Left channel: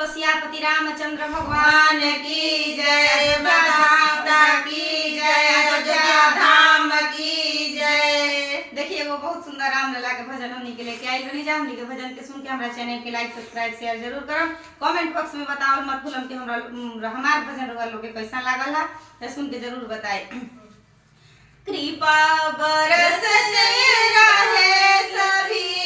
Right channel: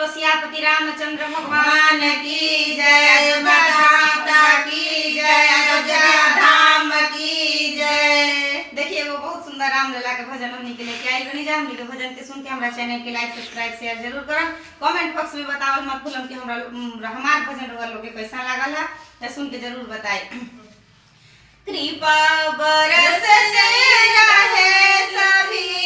बोलो सियापति रामचंद्र भगवान की जय, अयोध्या माता की जय, अयोध्या धाम की जय। देखिए वो बहुत सुंदर रामलला के भजन हमने के लेके आई बनी जाऊंगी, तो भजन के सुन के हमारा चैनल के लाइक सब्सक्राइब शेयर जरूर करो। कमेंट बॉक्स में बताओ मत भूलम कि हमार भजन लोग के कैसा लागल है, तो सुन के जरूर बताए। कृपा बरसते रहे सभी